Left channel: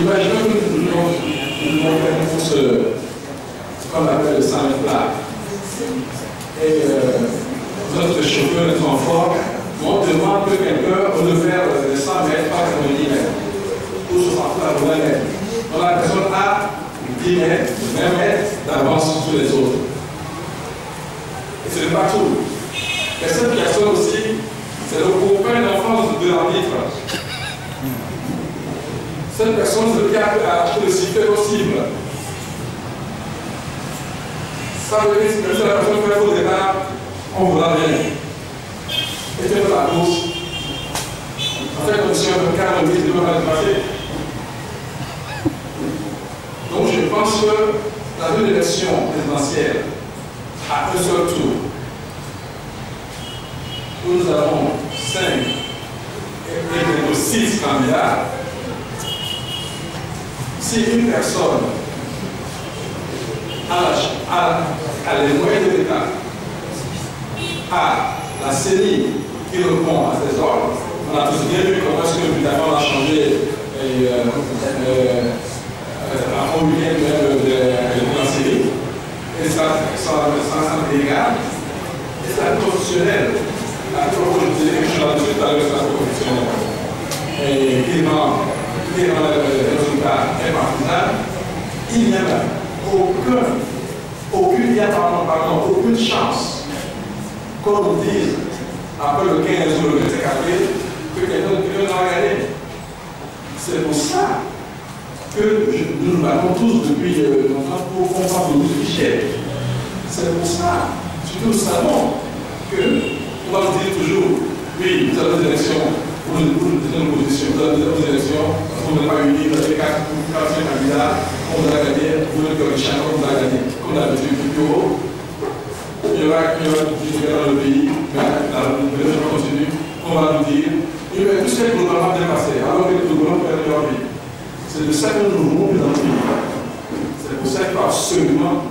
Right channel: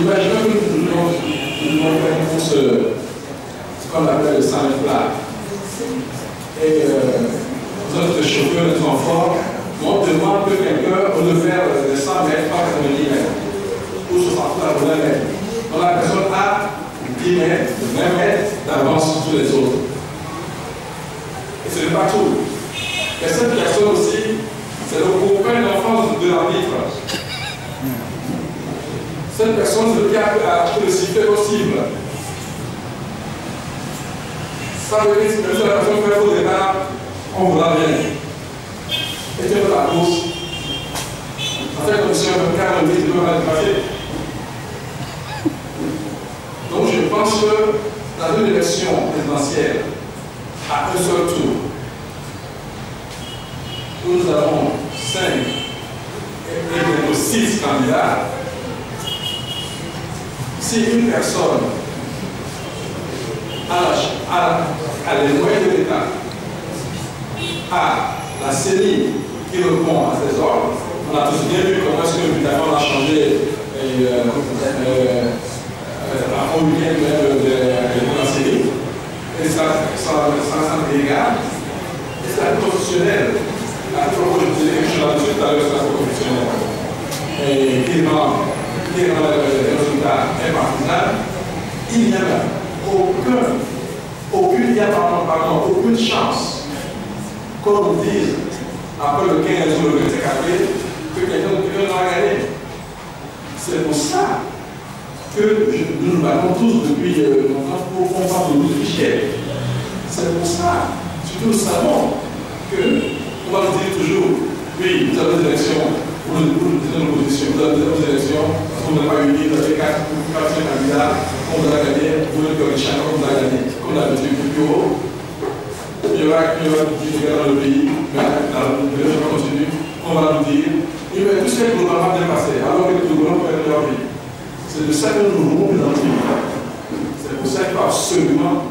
Imaginons que nous devons faire une course, ce qu'on appelle le 100 mètres plat. Et notre chauffeur, notre enfant, on demande que quelqu'un va faire les 100 mètres par 90 mètres, ou 60 par 20 mètres. Donc la personne a 10 mètres, 20 mètres d'avance sur les autres. Et ce n'est pas tout. Et cette personne aussi, c'est le copain d'enfance de l'arbitre. Cette personne se garde à le sifflet possible. Ça veut dire que si la personne fait au départ, on vous l'a bien. Et tu fais la course. En fait, comme si on veut 40 minutes, il va passer. Donc je pense que dans une élection présidentielle, à un seul tour, où nous avons 5 et 6 candidats, si une personne a les moyens de l'État, a la CENI qui répond à ses ordres, on a tous bien vu comment est-ce que le gouvernement a changé en week-end de la CENI, et ça est légal, et c'est constitutionnel. La propos je disais quelque chose là-dessus, tout à l'heure, c'est la constitutionnelle. Et qui rend le résultat impartisan, il n'y a aucune chance qu'on nous dise, après le 15 ou le 25 avril, que quelqu'un va gagner. C'est pour ça que nous nous battons tous depuis longtemps pour qu'on parle de nous fichiers. C'est pour ça, surtout nous savons que on va nous dire toujours, oui, vous avez des élections, vous êtes dans l'opposition, vous avez des élections, parce qu'on n'est pas unis, vous avez 4 candidats, on vous a gagné, vous êtes que chacun vous a gagné. Comme d'habitude, il y aura du Sénégal dans le pays, mais les gens continuent, on va nous dire, mais tout ce qui est globalement bien passé, alors que le gouvernement peut leur vie. C'est de ça que nous voulons dans le pays. C'est pour ça qu'il faut absolument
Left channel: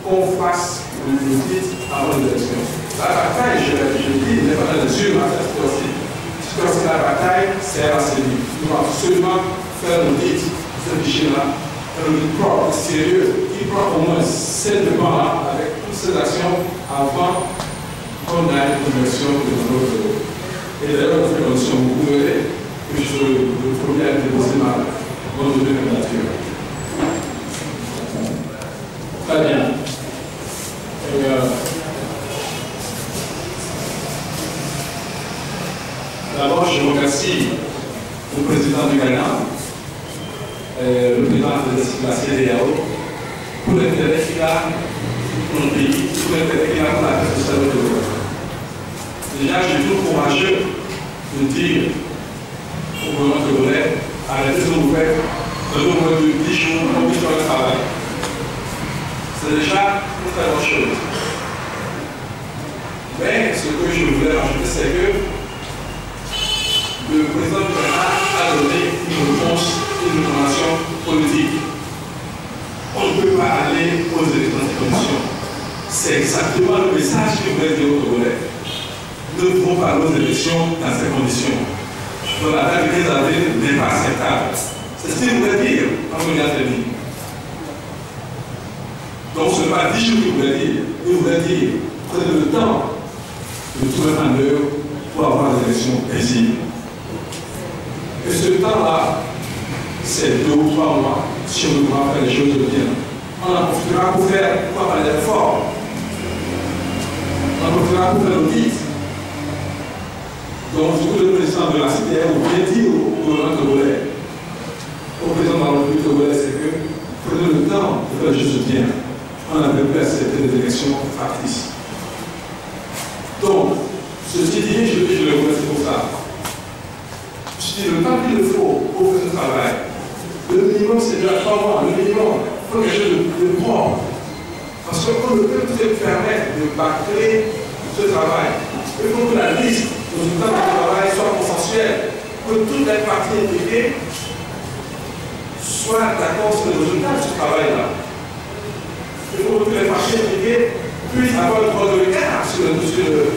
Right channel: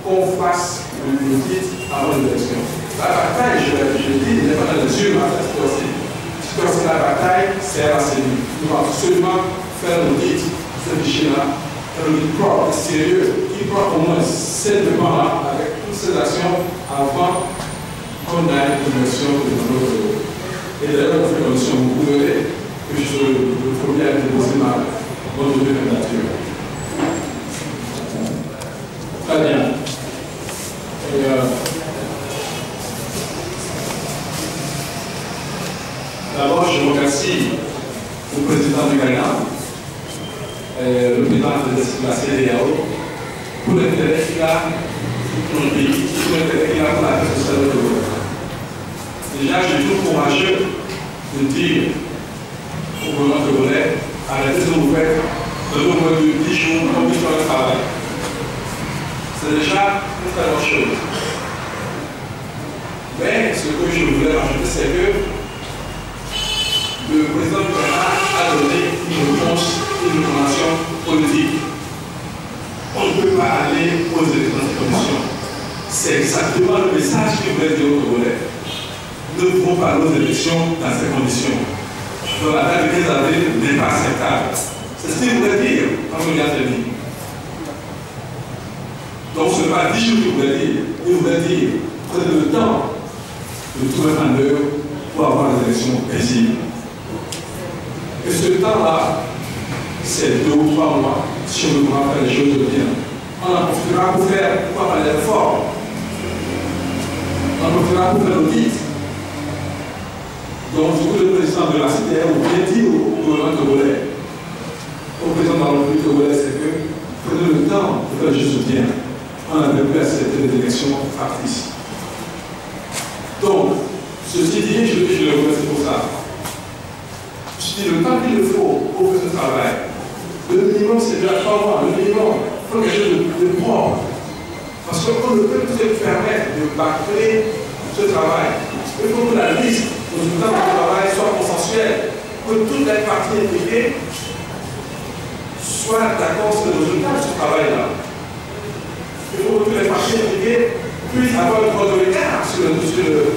qu'on fasse le politique avant l'élection. La bataille, je dis, n'est pas dans les yeux, mais c'est aussi. Parce que la bataille, c'est à la CENI. Nous devons absolument faire l'audit de ce fichier-là, un audit propre, sérieux, qui prend au moins 7 mois avec toutes ces actions avant qu'on aille une élection de notre. Et d'ailleurs, on fait une élection, vous verrez que le premier a déposé ma bonne candidature. Très bien. D'abord, je remercie le président du Ghana, le président de la CEDEAO, pour l'intérêt qu'il a pour le pays, pour l'intérêt qu'il a pour la paix sociale de l'Europe. Déjà, je suis tout courageux de dire au gouvernement togolais, arrêtez ce que vous faites, donnez au moins de 10 jours pour que le travail. C'est déjà une très bonne chose. Mais ce que je voulais rajouter, c'est que le président du Ghana a donné une réponse, une recommandation politique. On ne peut pas aller aux élections dans ces conditions. C'est exactement le message que voulait dire au Togolais. Nous ne pouvons pas aller aux élections dans ces conditions. Donc la date du 15 avril n'est pas acceptable. C'est ce qu'il voulait dire quand on vient de dire. Donc ce n'est pas 10 jours qu'il voulait dire. Il voulait dire prenez le temps de trouver un heure pour avoir des élections paisibles. Et ce temps-là, c'est 2 ou 3 mois, si on veut faire les choses bien. On en profitera pour faire, pourquoi pas les réformes. On en profitera pour faire l'audit. Donc, du coup, le président de la CEDEAO vient dire au gouvernement togolais, au président de la République togolaise, c'est que prenez le temps de faire les choses bien. On n'avait plus accepté des élections factices. Donc, ceci dit, je le remercie pour ça. Je dis le temps qu'il faut pour faire ce travail. Le minimum, c'est déjà 3 mois. Le minimum, il faut quelque chose de propre. Parce qu'on ne peut plus se permettre de bâcler ce travail. Il faut que la liste des résultats du travail soit consensuelle, que toutes les parties impliquées soient d'accord sur le résultat de ce travail-là. Il faut que toutes les parties impliquées puissent avoir le droit de regard sur le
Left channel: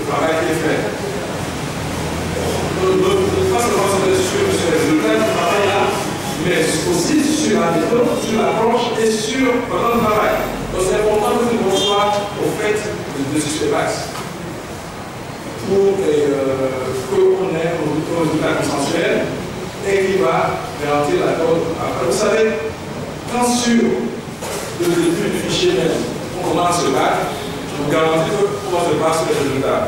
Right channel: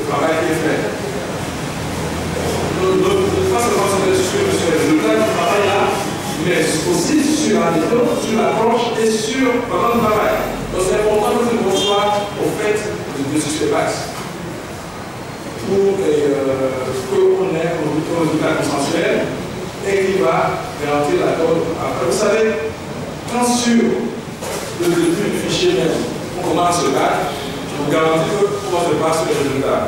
travail qui est fait. Pas seulement sur les résultats du travail là, mais aussi sur la méthode, sur l'approche et sur le travail. Donc c'est important que nous soient au fait de ce débat pour qu'on ait un résultat consensuel et qui va garantir la cause. Après, vous savez, quand sur le début du fichier même, on commence le bac, je vous garantis qu'on se passe sur les résultats.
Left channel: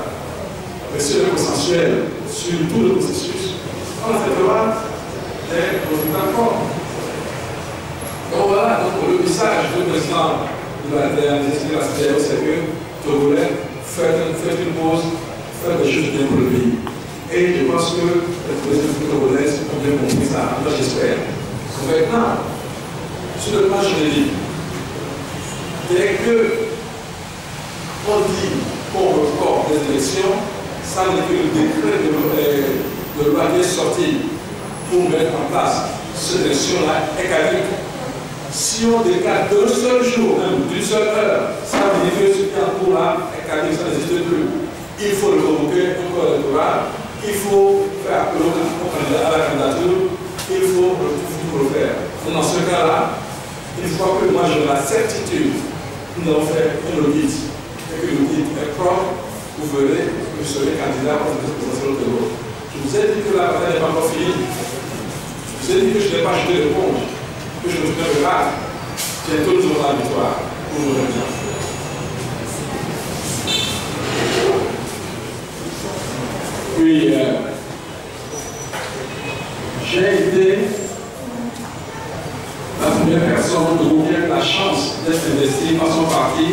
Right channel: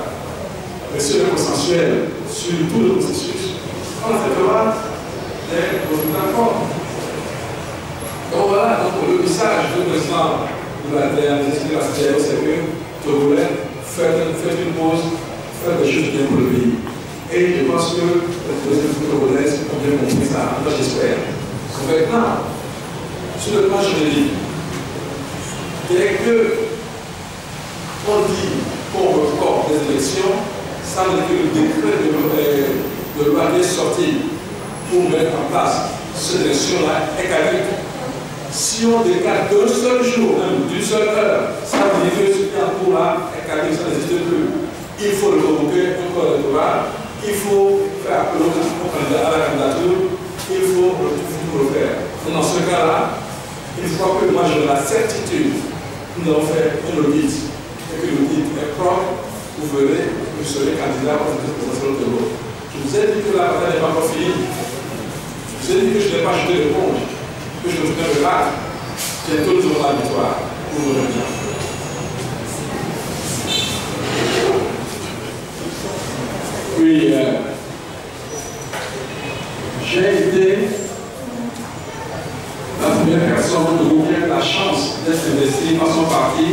Mais sur le consensuel, sur tout le processus, on traitera des résultats forts. Donc voilà, donc le message du président de la CDAO, c'est que Togolais, faites une pause, faites des choses bien pour le pays. Et je pense que les présidents togolais ont bien compris ça, j'espère. Maintenant, sur le plan juridique, dès qu'on dit qu'on reporte des élections, ça veut dire que le décret de loi qui est sorti pour mettre en place cette élection-là est caduque. Si on décale d'un seul jour, même d'une seule heure, ça veut dire que ce qui est en cours là est caduque, ça n'existe plus. Il faut le convoquer un corps électoral, il faut faire appel à la candidature, il faut le faire. Donc dans ce cas-là, une fois que moi j'ai la certitude que nous allons faire un audit et que l'audit est propre, vous verrez que je serai candidat pour cette présidentielle de l'eau. Je vous ai dit que la bataille n'est pas encore finie. Je vous ai dit que je n'ai pas jeté l'éponge, que je me souviens de là. Bientôt nous aurons la victoire pour nos gens. Oui, j'ai été la première personne de gagner la chance d'être investi par son parti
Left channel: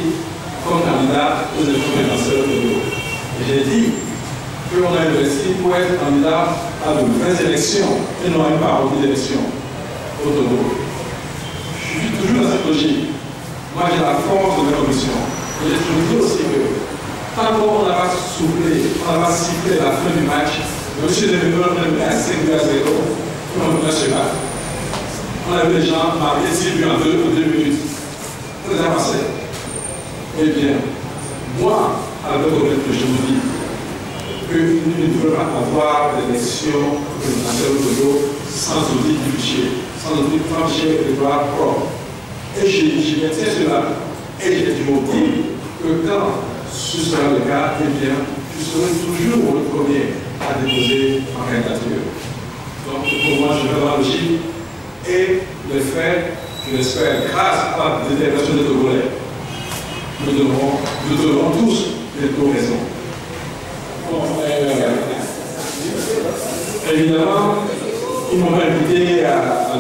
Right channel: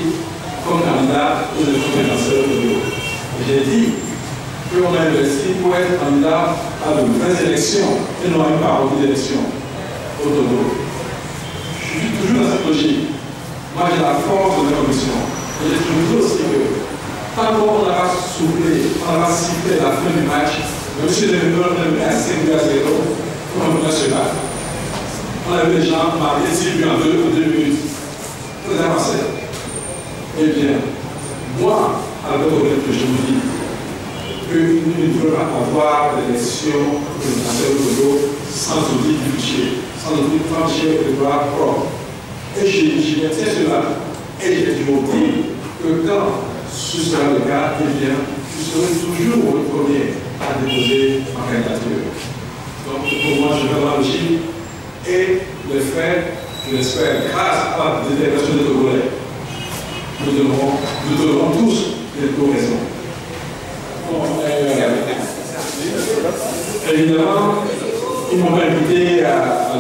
comme candidat aux élections présidentielles de Togo. J'ai dit qu'on a investi pour être candidat à de vraies élections et non à une parodie d'élections au Togo. Je suis toujours dans cette logique. Moi, j'ai la force de mes convictions. Et j'ai toujours dit aussi que tant qu'on n'a pas soufflé, on n'a pas sifflé la fin du match, M. Deveneur même à 5 à 0, on va se battre. On a vu les gens marquer 6 buts en 2 minutes. Qu'est-ce qui s'est passé? Eh bien, moi, avec le que je vous dis, qu'il ne peut pas avoir d'élection présidentielle au Togo sans audit du fichier, sans audit du fichier électoral propre. Et j'y maintiens cela. Et j'ai toujours dit que quand ce sera le cas, eh bien, je serai toujours le premier à déposer ma candidature. Donc, pour moi, je vais dans la logique et le fait, je l'espère, grâce à la détermination des Togolais, nous devrons tous les raison. Bon, évidemment, ils m'ont invité à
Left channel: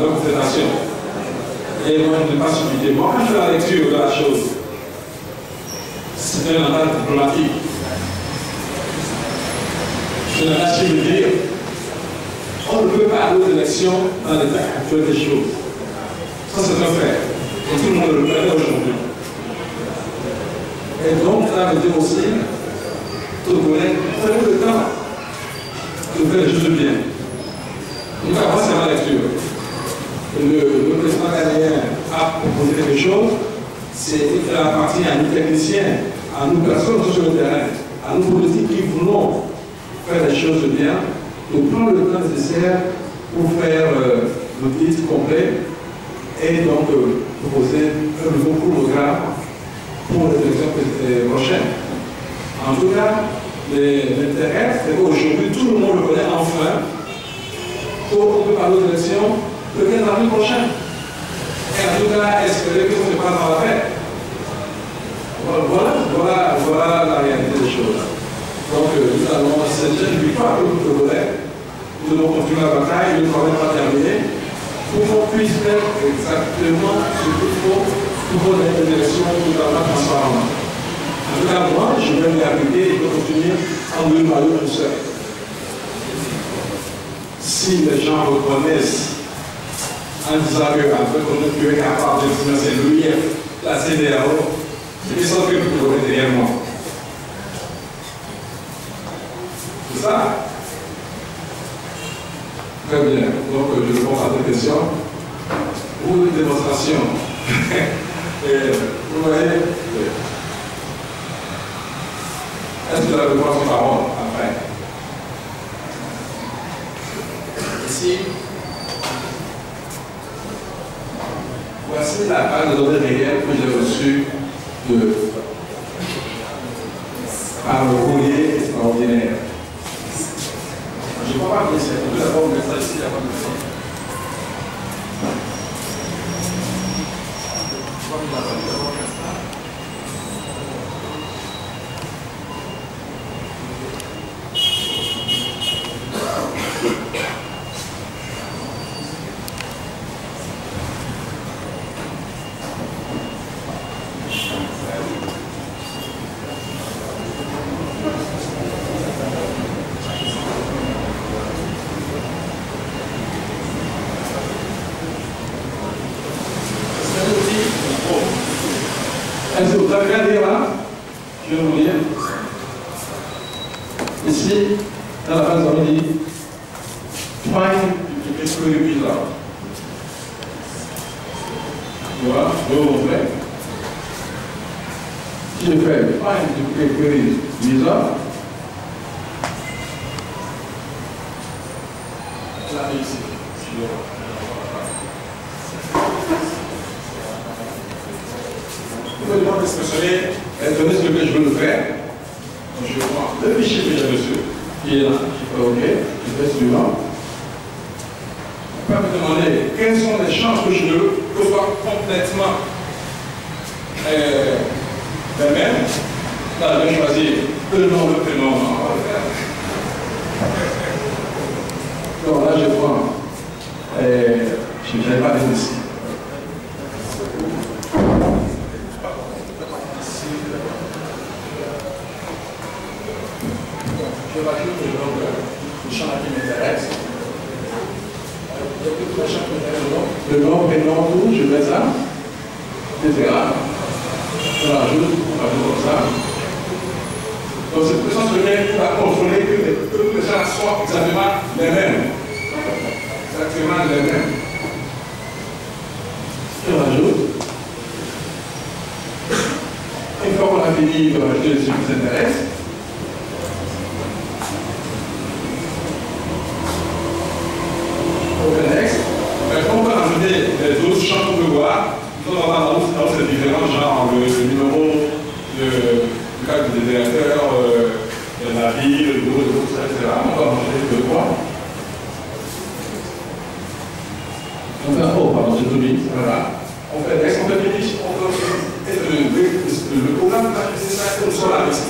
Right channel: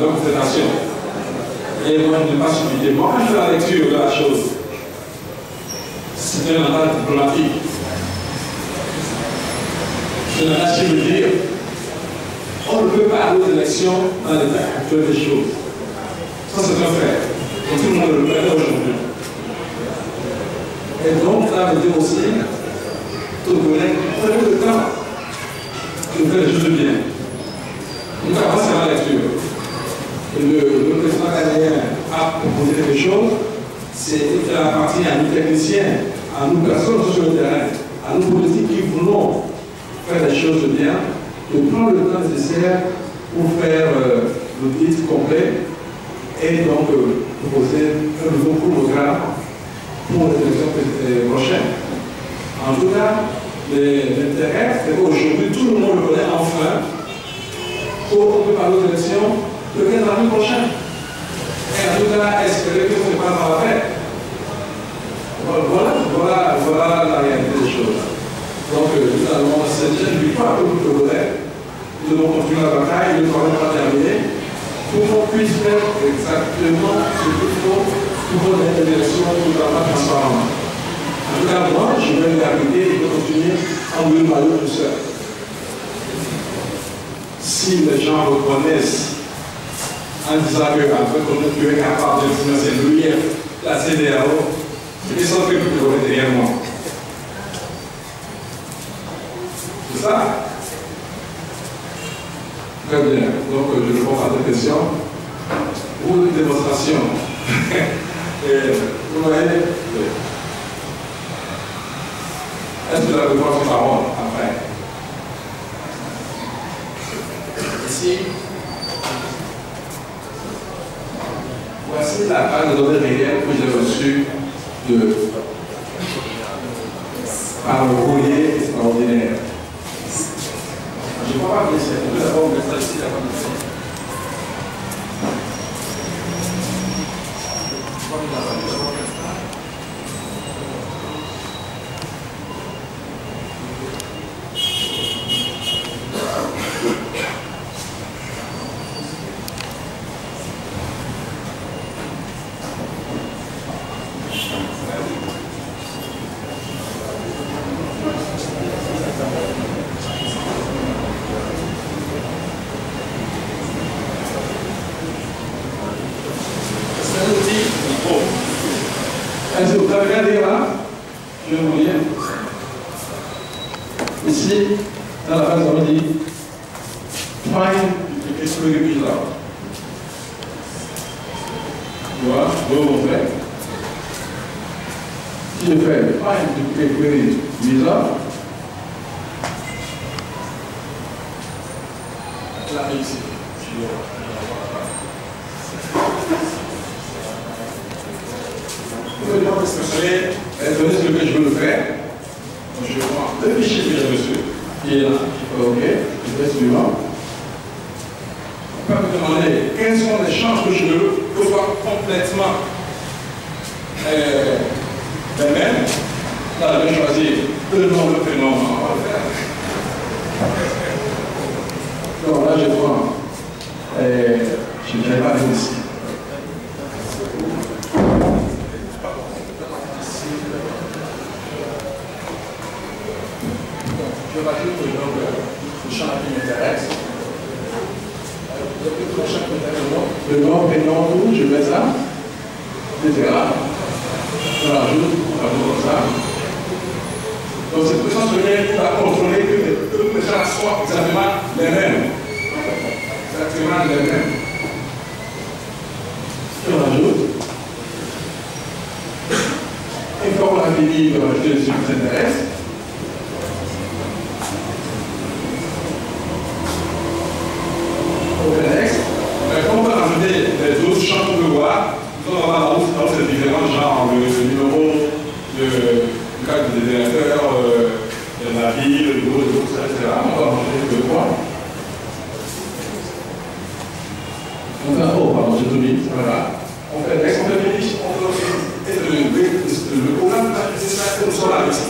leur présentation. Et moi, je n'ai pas subité. Moi, quand je fais la lecture de la chose, c'est un mandat diplomatique. Je n'ai pas su me dire, on ne peut pas aller aux élections dans l'état actuel des choses. Ça, c'est un fait. Et tout le monde le connaît aujourd'hui. Et donc, ça veut dire aussi, Togolais, prenez le temps de faire les choses bien. Donc, avant, c'est la lecture. Le président canadien a proposé quelque chose, c'est qu'il appartient à nous techniciens, à nous personnes sur le terrain, à nous politiques qui voulons faire les choses bien, de prendre le temps nécessaire pour faire l'audit complet et donc proposer un nouveau programme pour les élections prochaines. En tout cas, l'intérêt, c'est qu'aujourd'hui, tout le monde le connaît enfin, pour qu'on peut parler aux élections le 15 avril prochain. Et en tout cas, espérer que ça se passe dans la paix. Voilà la réalité des choses. Donc, nous allons, c'est déjà une victoire pour le Togolais. Nous devons continuer la bataille, le travail n'est pas terminé, pour qu'on puisse faire exactement ce qu'il faut pour qu'on ait une élection totalement transparente. En tout cas, moi, je vais m'y appliquer et je vais continuer en deux maillots tout seul. Si les gens reconnaissent en disant qu'on est capable de financer l'UIF, la CDAO, ils sont que vous connaissez derrière moi. C'est ça? Très bien. Donc, je réponds à cette question. Ou une démonstration. Vous voyez? Est-ce que vous avez besoin de parole après? Ici. voici la base de données réelle que j'ai reçue par le courrier extraordinaire. Je ne crois pas que c'est tout d'abord mettre ça ici, avant de faire. Est-ce que vous avez regardé là? Je vais vous lire. Ici, dans la base, on dit find qu'est-ce que le visa. Voilà, on fait. Si je fais find query visa, là ici. Je vais demander ce que je veux le faire. Donc, je prends le fichier que j'ai reçu, qui est là, je fais OK, je fais suivant. On peut me demander quels sont les champs que je veux que ce soit complètement les mêmes. Là, je vais choisir le nom, le prénom, on va le faire. Donc là, je prends, je n'ai pas de ici. Je rajoute le champ qui m'intéresse. Le nom, prénom, tout, je mets ça, etc. Je rajoute comme ça. Donc cette puissance qui va contrôler que les gens soient exactement les mêmes. Exactement les mêmes. Je rajoute. Une fois qu'on a fini de rajouter ce qui nous intéresse, on peut rajouter les autres champs qu'on peut voir. On va voir dans ces différents genres, le numéro, le cadre des directeurs, la ville, le bureau, etc. On va rajouter deux points. On fait un pardon, j'ai tout mis. Voilà. On fait next, on fait finish, le programme c'est ça, c'est sur la liste.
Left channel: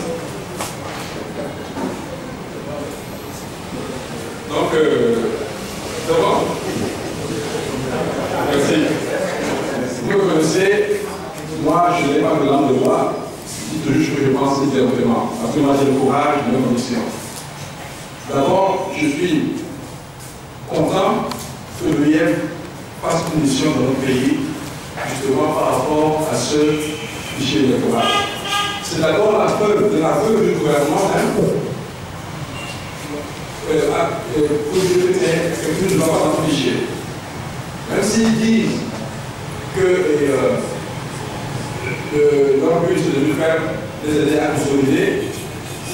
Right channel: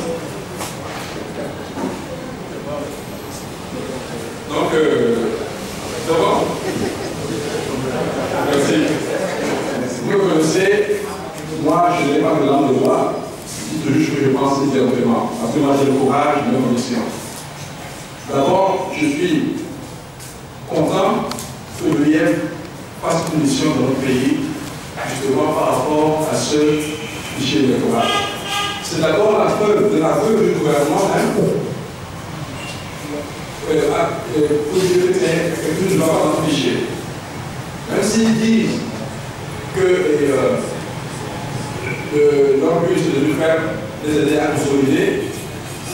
Donc, d'abord, merci. Vous me connaissez, moi je n'ai pas de langue de loi, c'est juste que je pense directement. Parce que moi j'ai le courage de mes convictions. D'abord, je suis content que l'IEF fasse une mission dans notre pays, justement par rapport à ce fichier électoral. C'est d'abord la preuve de l'aveu du gouvernement pour dire que tout ne va pas dans le fichier. Même s'ils disent que leur but c'est de nous faire les aider à consolider,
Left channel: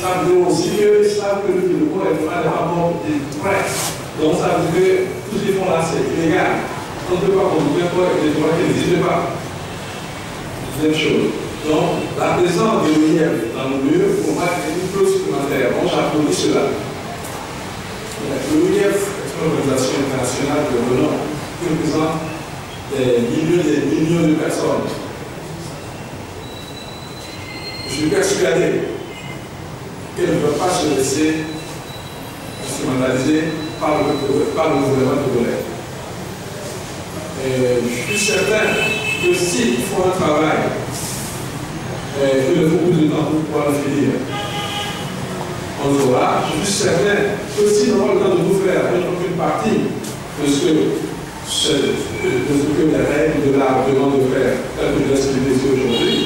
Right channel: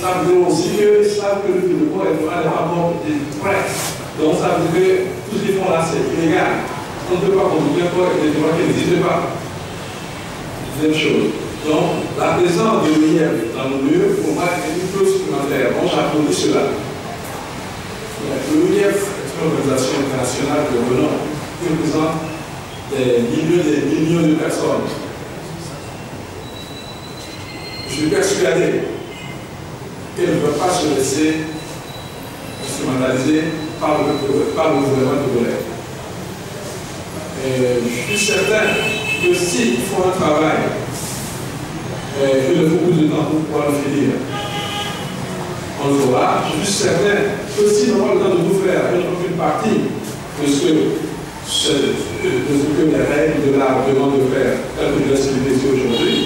ça veut dire aussi qu'ils savent que le corps électoral n'est pas bon des presse. Donc ça veut dire que tout ce qu'ils font là c'est illégal. On ne peut pas contrôler le corps électoral qui n'existe pas. Deuxième chose. Donc la présence de l'OIF dans nos lieux pour moi est une clause supplémentaire. Donc j'applaudis cela. L'OIF est une organisation internationale de renom qui représente des millions de personnes. Je suis persuadé qu'elle ne veut pas se laisser instrumentaliser par le gouvernement togolais. Je suis certain que s'ils font un travail, il leur faut plus de temps pour pouvoir le finir. On le saura. Je suis certain que s'ils n'ont pas le temps de tout faire, une partie de ce que les règles de l'art demandent de faire, tel que je l'ai expliqué ici aujourd'hui,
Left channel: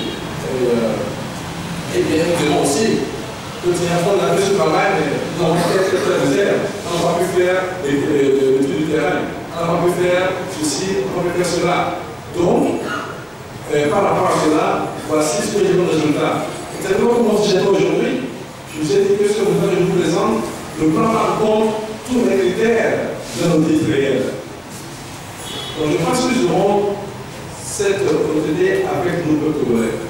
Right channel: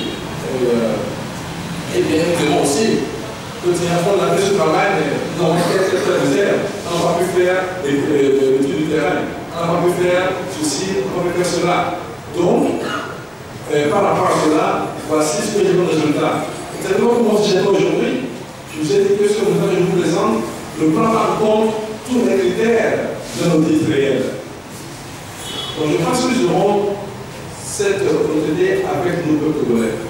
et bien nous devons aussi continuer à faire ce travail, mais nous avons fait cette réserve. On n'a pas pu faire l'étude du terrain, on n'a pas pu faire ceci, on n'a pas pu faire cela. Donc, par rapport à cela, voici ce que j'ai comme résultat. Exactement comme je disais aujourd'hui, je vous ai dit que ce résultat que je vous présente, le plan par compte tous les critères de nos titres réels. Donc je pense que nous aurons cette opportunité avec nos peuples congolais.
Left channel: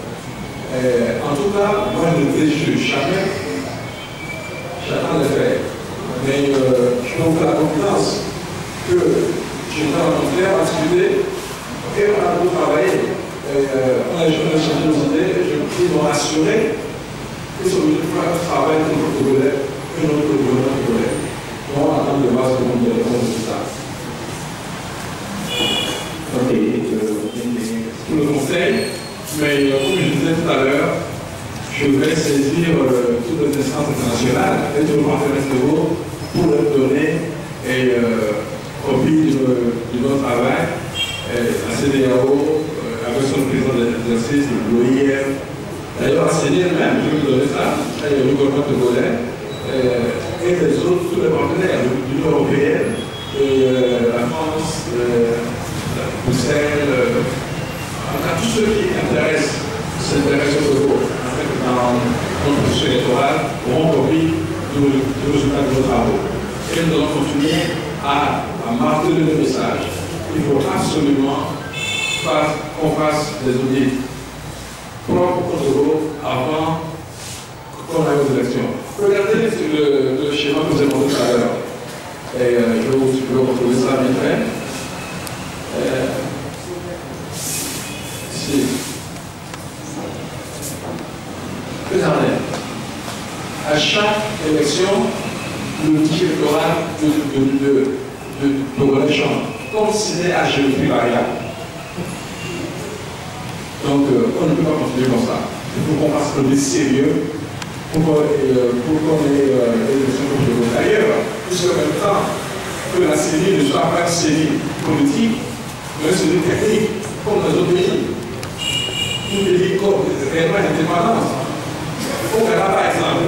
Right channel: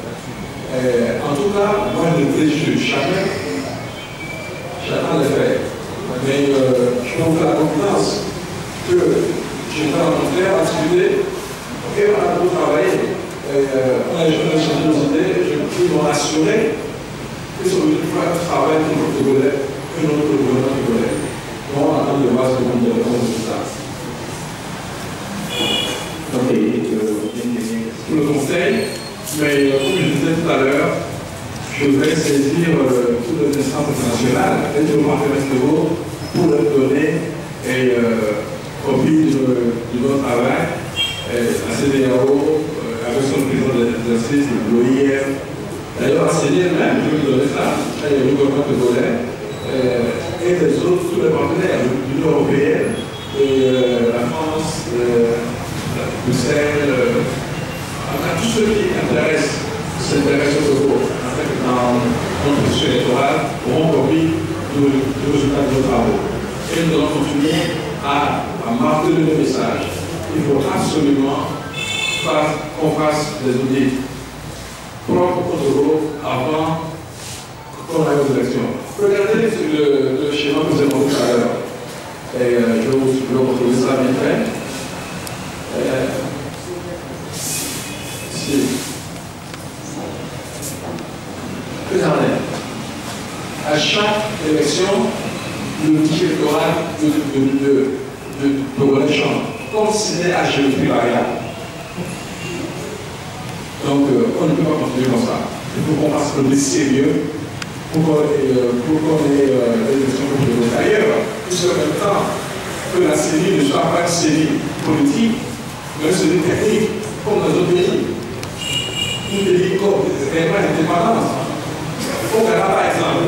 En tout cas, moi je ne préjuge jamais, j'attends les faits. Mais je peux vous faire la confiance que je vais rencontrer, on va discuter et on a beaucoup travaillé. On a échangé nos idées, ils m'ont assuré que ce travail de notre Congolais, que notre gouvernement congolais. Donc on attend de voir ce qu'on nous répond de ça. Ok, pour le conseil, mais comme je disais tout à l'heure, je vais saisir toutes les instances internationales et le gouvernement international pour leur donner copie de notre travail, la CEDEAO, avec son président de l'exercice, l'OIF. D'ailleurs, la CEDEAO même, je vais vous donner ça, le gouvernement congolais, et les autres, tous les partenaires, l'Union européenne, la France, Bruxelles, en tout cas, tous ceux qui s'intéressent au Togo, dans notre processus électoral, auront compris du résultat de nos travaux. Et nous allons continuer à marteler le message. Il faut absolument qu'on fasse des audits propres au Togo avant qu'on aille aux élections. Regardez le schéma que vous avez montré tout à l'heure. Et je vais vous retrouver ça vite fait. Ici. Regardez. À chaque élection, le budget électoral de Togolais change, comme si c'était à géométrie variable. Donc, on ne peut pas continuer comme ça. Il faut qu'on fasse le sérieux pour qu'on ait des élections comme Togo. D'ailleurs, jusqu'à même temps que la série ne soit pas une série politique, mais une série technique, comme dans d'autres pays. Un pays comme réellement indépendance. Au Ghana, par exemple,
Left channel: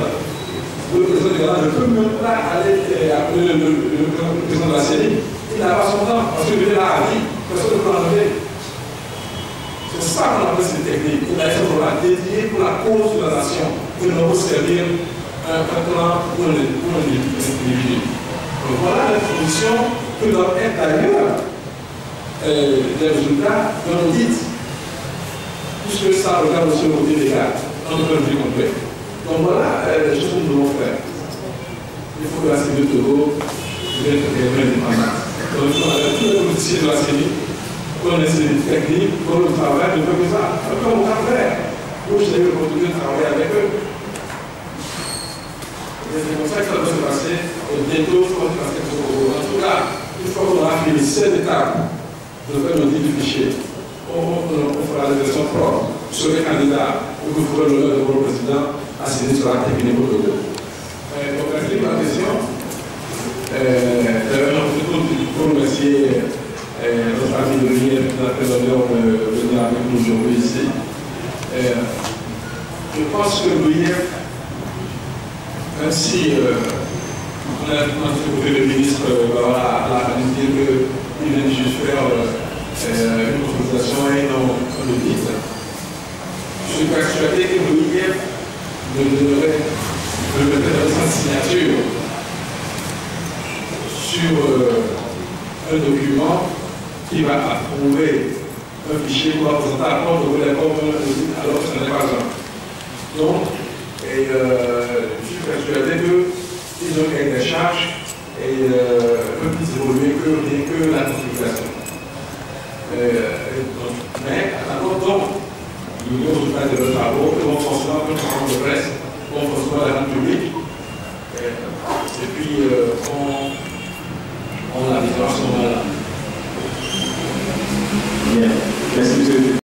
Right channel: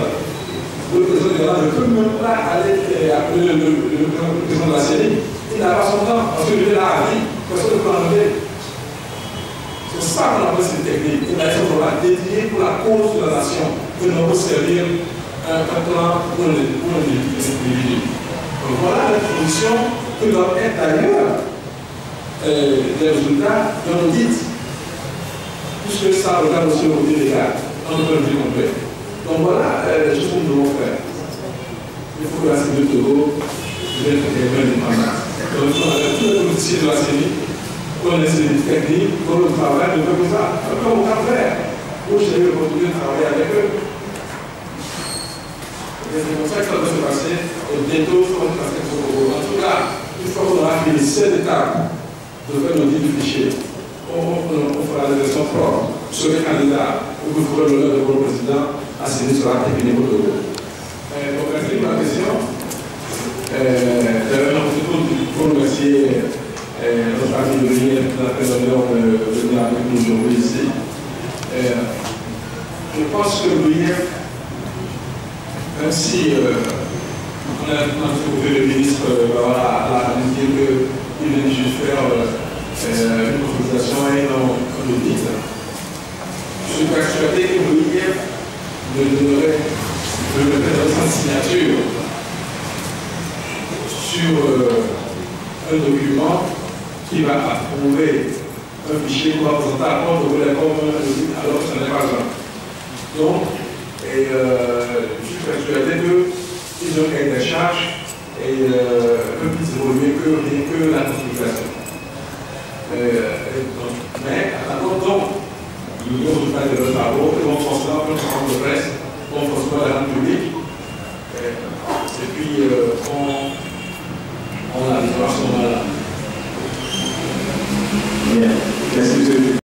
le président du Ghana ne peut même pas aller appeler le président de la série. Il n'a pas son temps, parce qu'il est là à vie, personne ne peut l'enlever. C'est ça qu'on appelle cette technique. Il a été dédié pour la cause de la nation, que nous allons servir un plan pour les diriger. Donc voilà les conditions que doivent être d'ailleurs les résultats d'un audit, puisque ça regarde aussi le côté légal, dans le point de vue complet. Donc voilà les choses que nous devons faire. Il faut que la CEDEAO de Togo devienne indépendante. Donc on a tous les politiciens de la CENI, qu'on ait ces techniques, qu'on le travail, de faire ça. Comme au Cap-Vert, où j'ai eu l'opportunité de travailler avec eux. C'est comme ça que ça doit se passer. Et bientôt, il faut passer au Togo. En tout cas, une fois qu'on aura fini cette étape de faire l'audit du fichier, on fera des élections propres. Sur les candidats, où vous ferez l'honneur de votre président, assigné sur la technique au Togo. Donc, merci pour la question. D'ailleurs, j'en profite pour remercier notre ami de l'Union qui a fait l'honneur de venir avec nous aujourd'hui ici. Je pense que l'UIF, même si on a trouvé le ministre à dire qu'il vient juste faire une consultation et non un audit, je suis persuadé que l'UIF me donnerait sa signature sur un document qui va approuver un fichier pour représenter à compte de l'école alors que ce n'est pas un. Donc, je suis persuadé qu'ils ont gagné des charges et ne peuvent plus évoluer que la communication. Mais, donc, nous devons faire de nos travaux, nous vont forcément faire un travail de presse, nous vont forcément la rendre publique. Et puis, on a des informations là. Bien. Merci, monsieur.